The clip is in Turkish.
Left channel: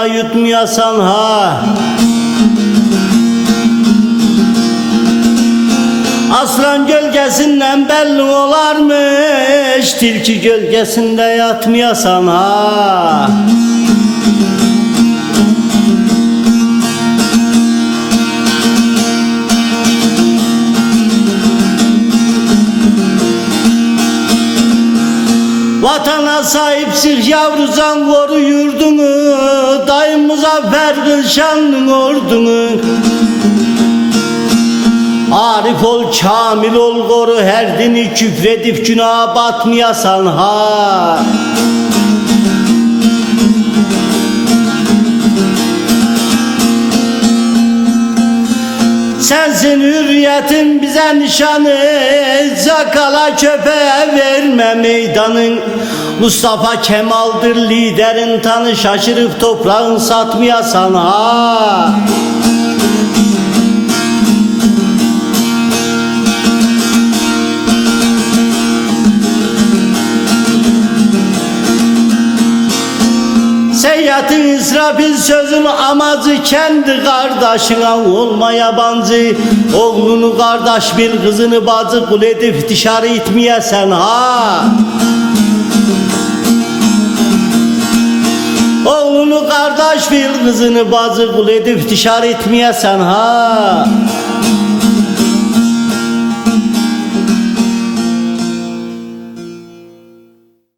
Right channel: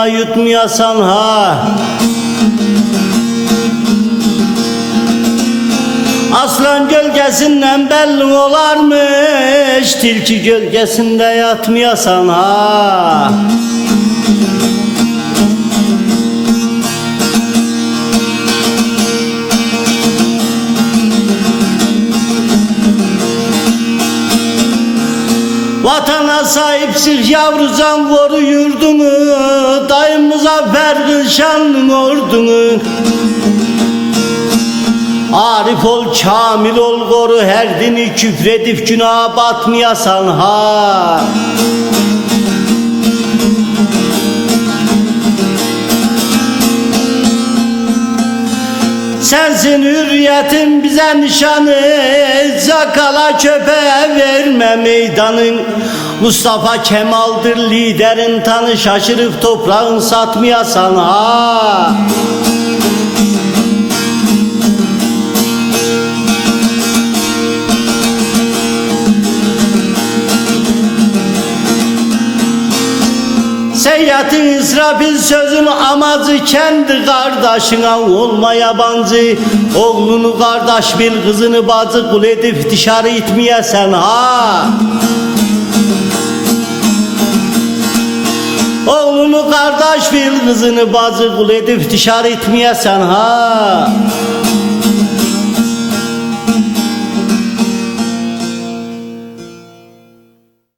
da yutmayasan ha. Aslan gölgesinden belli olarmış, tilki gölgesinde yatmayasan ha. Vatana sahipsiz yavruzan koru yurdunu, dayım Muzaffer Kılşan'ın ordunu. Arif ol, kamil ol, koru her dini, küfredip günaha batmayasan ha. Sensin hürriyetin bize nişanı, zakala köpeğe verme meydanın. Mustafa Kemal'dir liderin tanı, şaşırıp toprağın satmayasan ha. Seyyatın İsrafil sözün amacı, kendi kardeşine olma yabancı. Oğlunu kardeş bil, kızını bacı, kul edip dışarı itmeyesen ha. Oğlunu kardeş bil, kızını bacı, kul edip dışarı itmeyesen ha.